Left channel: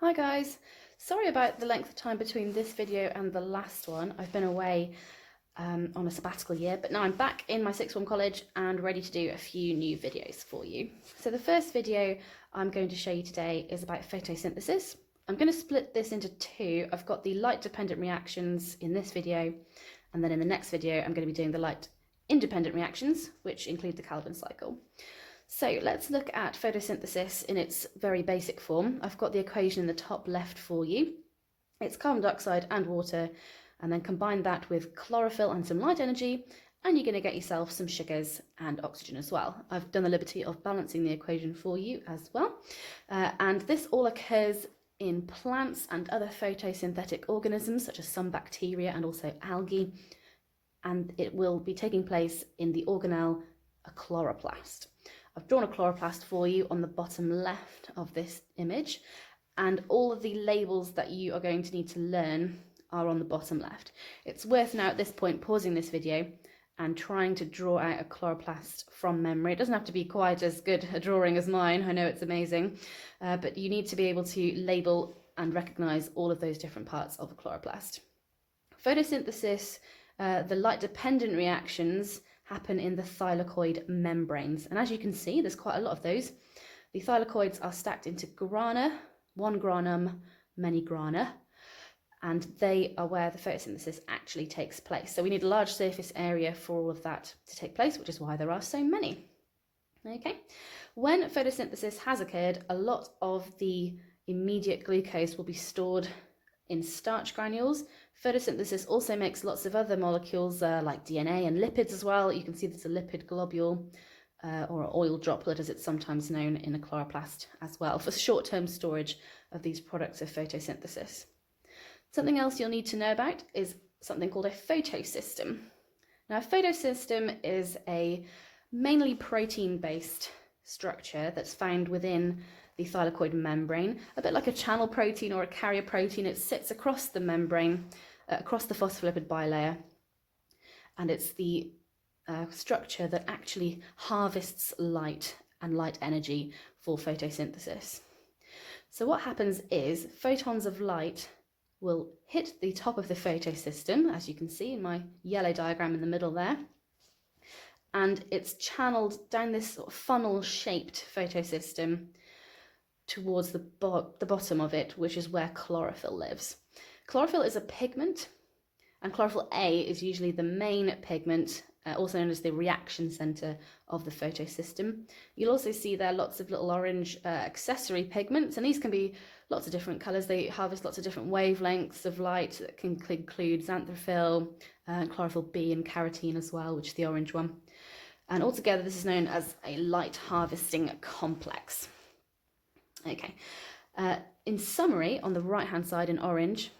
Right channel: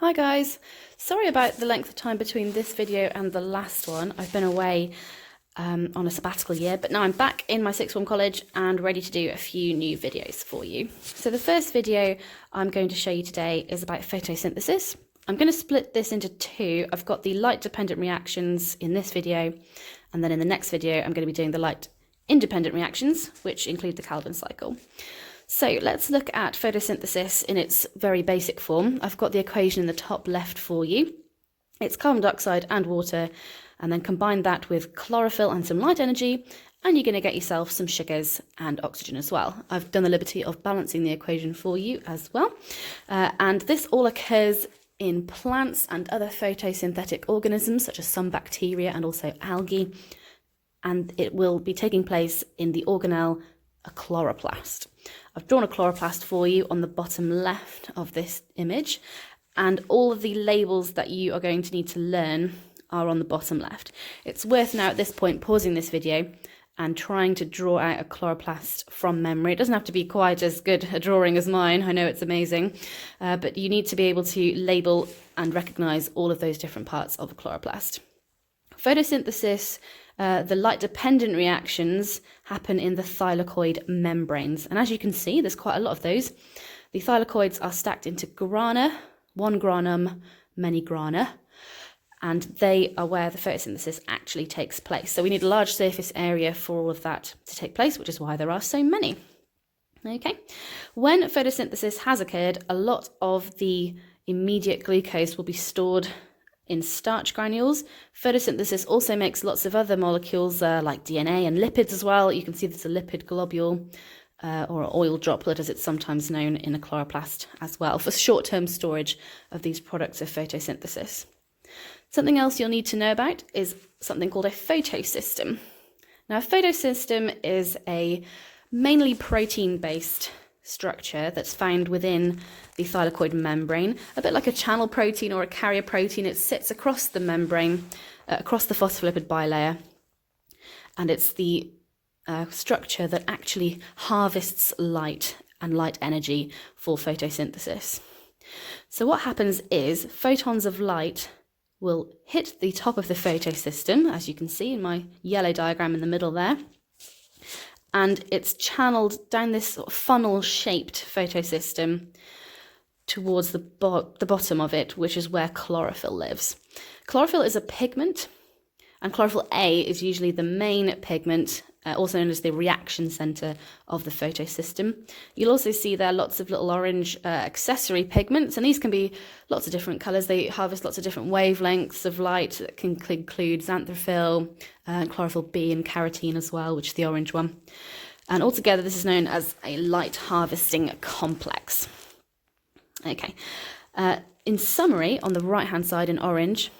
Hi guys, sorry about the length of time between this video and the last one. I've been away on a sabbatical year, but now I'm back in my sixth form college and ready to do a few new videos for you. So the first video I'm going to show you today is about photosynthesis. I'm going to split this into two. I've got the light dependent reactions in this video, and then in the next video I'm going to be doing the light independent reactions, which include the Calvin cycle. So let's look at photosynthesis in its very basic form. I've got the equation in the top left for you. It's carbon dioxide and water, and then combine that with chlorophyll and some light energy, and you're going to get yourself some sugars and oxygen as well. I've done the liberty of balancing the equation for you as well. And this all occurs in plants and other photosynthetic organisms, such as some bacteria and also algae. And it will be taking place in the organelle, a chloroplast. I've drawn a chloroplast for you on the bottom left of this image, and all of the labels that you are going to need to learn are on the bottom left. It's worth now at this point pausing this video and trying to draw out a chloroplast from memory. It doesn't have to be quite as good a drawing as mine, I know it's amazing, but you need to be able to label and recognise all of those different parts of a chloroplast. Photosynthesis, the light-dependent reactions happen in the thylakoid membranes. And as you can see, there's quite a lot of those. The thylakoids are stacked into grana, one granum, many grana, and they are where the photosynthesis actually takes place. So we need a large surface area for all of that to take place, which is why there are so many. Okay, when photosynthesis has occurred, a lot of the immediate glucose will be stored in starch granules. Photosynthesis also makes lots of other molecules like DNA and lipids as well. You can see there's a lipid globule or an oil droplet, as it's sometimes known, in a chloroplast as well, for short-term storage of these products of photosynthesis. Something else you'll need to know about is something called a photosystem. Now, a photosystem is a mainly protein-based structure that's found within the thylakoid membrane, a bit like a channel protein or a carrier protein. It sits across the membrane, across the phospholipid bilayer, and it's the structure that actually harvests light and light energy for photosynthesis. So what happens is photons of light will hit the top of the photosystem, as you can see in my yellow diagram in the middle there, and it's channeled down this sort of funnel-shaped photosystem towards the bottom of it, which is where chlorophyll lives. Chlorophyll is a pigment, and chlorophyll A is usually the main pigment, also known as the reaction center of the photosystem. You'll also see there lots of little orange accessory pigments, and these can be lots of different colors. They harvest lots of different wavelengths of light that can include xanthophyll, chlorophyll B, and carotene as well, which is the orange one. And altogether, this is known as a light harvesting complex. Okay, in summary, on the right-hand side in orange,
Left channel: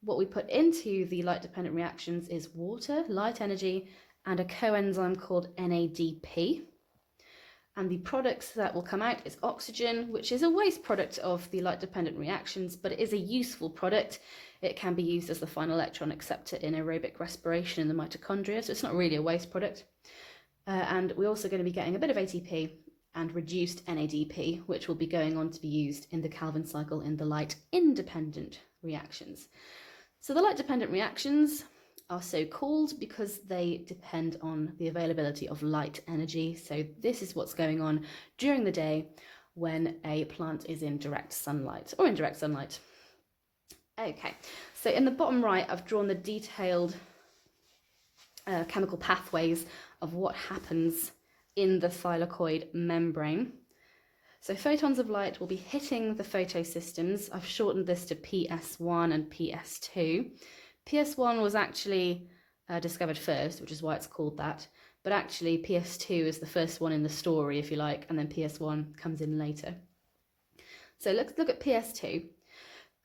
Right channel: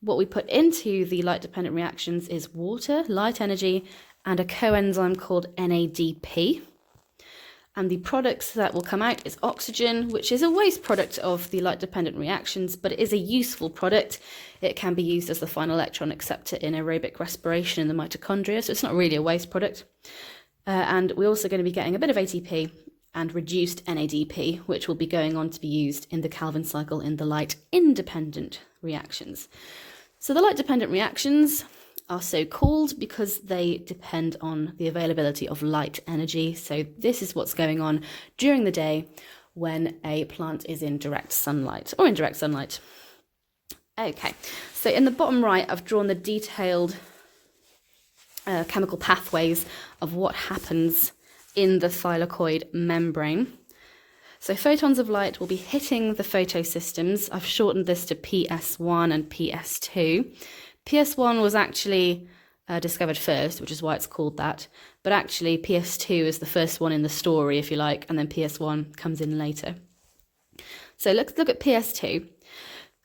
what we put into the light-dependent reactions is water, light energy, and a coenzyme called NADP. And the products that will come out is oxygen, which is a waste product of the light-dependent reactions, but it is a useful product. It can be used as the final electron acceptor in aerobic respiration in the mitochondria, so it's not really a waste product. And we're also going to be getting a bit of ATP and reduced NADP, which will be going on to be used in the Calvin cycle in the light-independent reactions. So the light-dependent reactions are so called because they depend on the availability of light energy. So this is what's going on during the day when a plant is in direct sunlight or indirect sunlight. Okay, so in the bottom right, I've drawn the detailed chemical pathways of what happens in the thylakoid membrane. So photons of light will be hitting the photosystems. I've shortened this to PS1 and PS2. PS1 was actually discovered first, which is why it's called that. But actually PS2 is the first one in the story, if you like, and then PS1 comes in later. So let's look at PS2.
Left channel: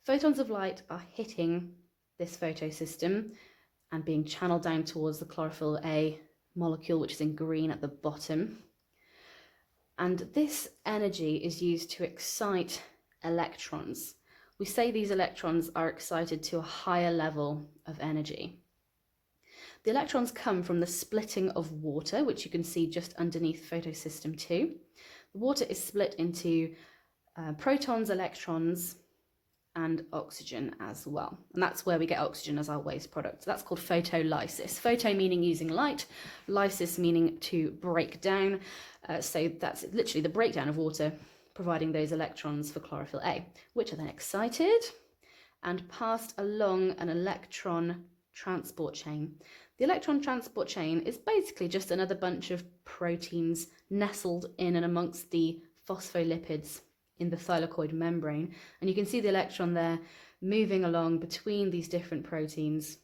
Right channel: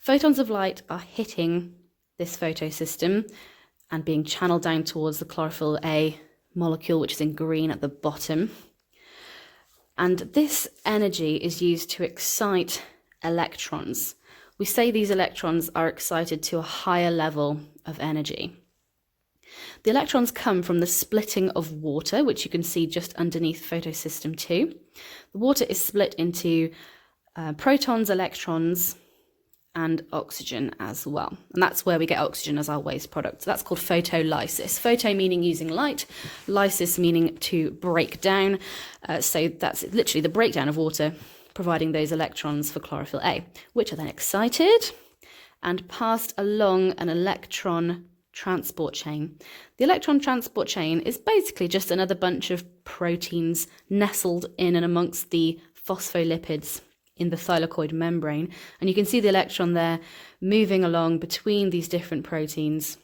Photons of light are hitting this photosystem and being channeled down towards the chlorophyll A molecule, which is in green at the bottom. And this energy is used to excite electrons. We say these electrons are excited to a higher level of energy. The electrons come from the splitting of water, which you can see just underneath photosystem 2. The water is split into protons, electrons, and oxygen as well. And that's where we get oxygen as our waste product. So that's called photolysis. Photo meaning using light, lysis meaning to break down. So that's literally the breakdown of water, providing those electrons for chlorophyll A, which are then excited and passed along an electron transport chain. The electron transport chain is basically just another bunch of proteins nestled in and amongst the phospholipids in the thylakoid membrane, and you can see the electron there moving along between these different proteins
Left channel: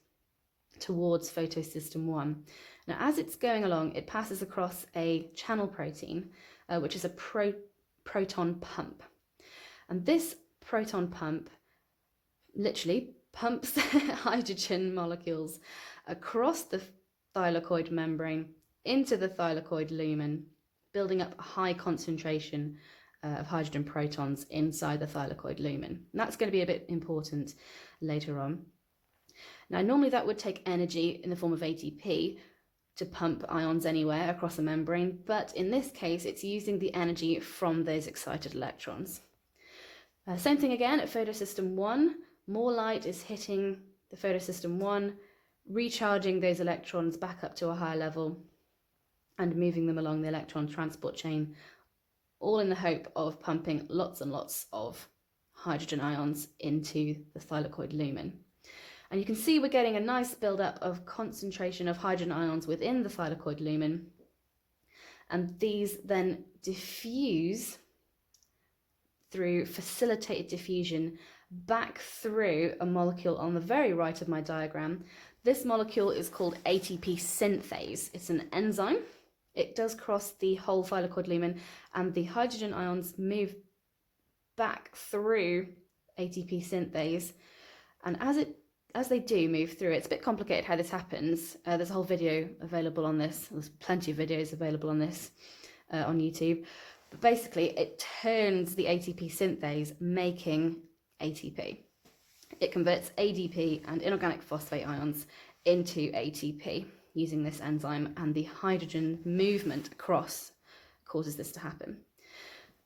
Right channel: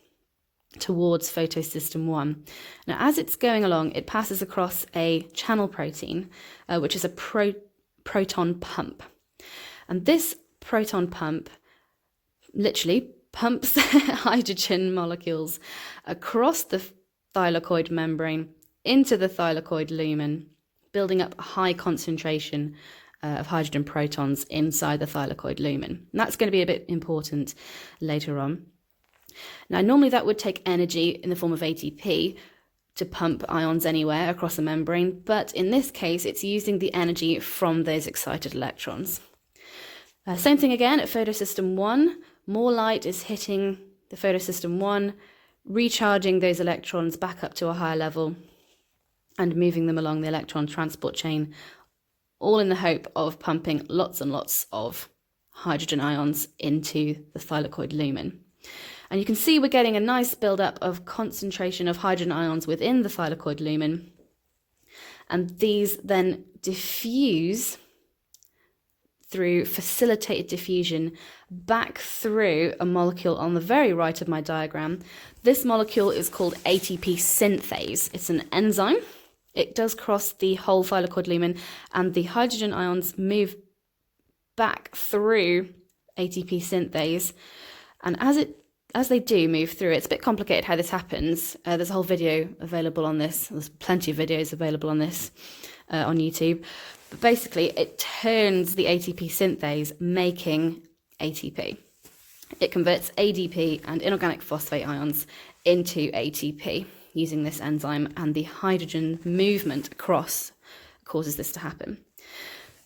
towards photosystem 1. Now, as it's going along, it passes across a channel protein, which is a proton pump. And this proton pump literally pumps hydrogen molecules across the thylakoid membrane into the thylakoid lumen, building up a high concentration of hydrogen protons inside the thylakoid lumen. And that's going to be a bit important later on. Now, normally that would take energy in the form of ATP to pump ions anywhere across the membrane, but in this case, it's using the energy from those excited electrons. Same thing again at photosystem 1. More light is hitting the photosystem 1, recharging those electrons back up to a higher level and moving them along the electron transport chain, all in the hope of pumping lots and lots of hydrogen ions into the thylakoid lumen. And you can see we're getting a nice build-up of concentration of hydrogen ions within the thylakoid lumen. And these then diffuse through facilitated diffusion back through a molecule on the very right of my diagram. This molecule is called ATP synthase. It's an enzyme. It does cross the whole thylakoid lumen, and the hydrogen ions move back through ATP synthase. And as they do move through, it's a bit complicated how this happens. There's a whole video available on this. There's plenty of videos available on this on YouTube. But basically, it turns the ATP synthase, making ATP. It converts ADP and inorganic phosphate ions into ATP using this enzyme, and the hydrogen movement across causes this to happen.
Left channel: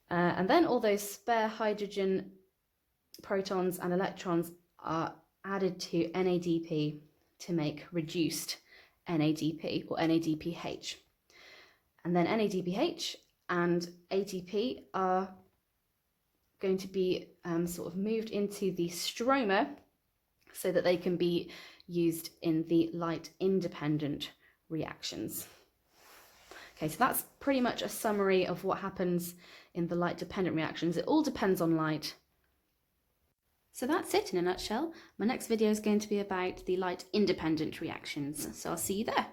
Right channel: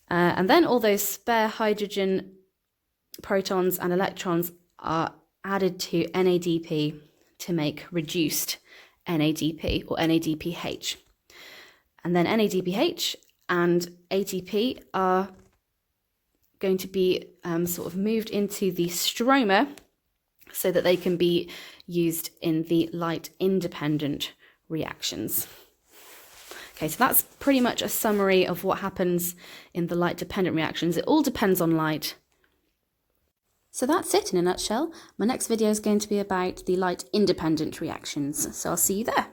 And then all those spare hydrogen protons and electrons are added to NADP to make reduced NADP or NADPH. And then NADPH and ATP are going to be sort of moved into the stroma so that they can be used in the light-independent reactions. Okay, so that's pretty much a summary of what happens in the light-dependent reactions. It all depends on light. So that's it in a nutshell. My next video is going to be about the light-independent reactions, so I'll see you there.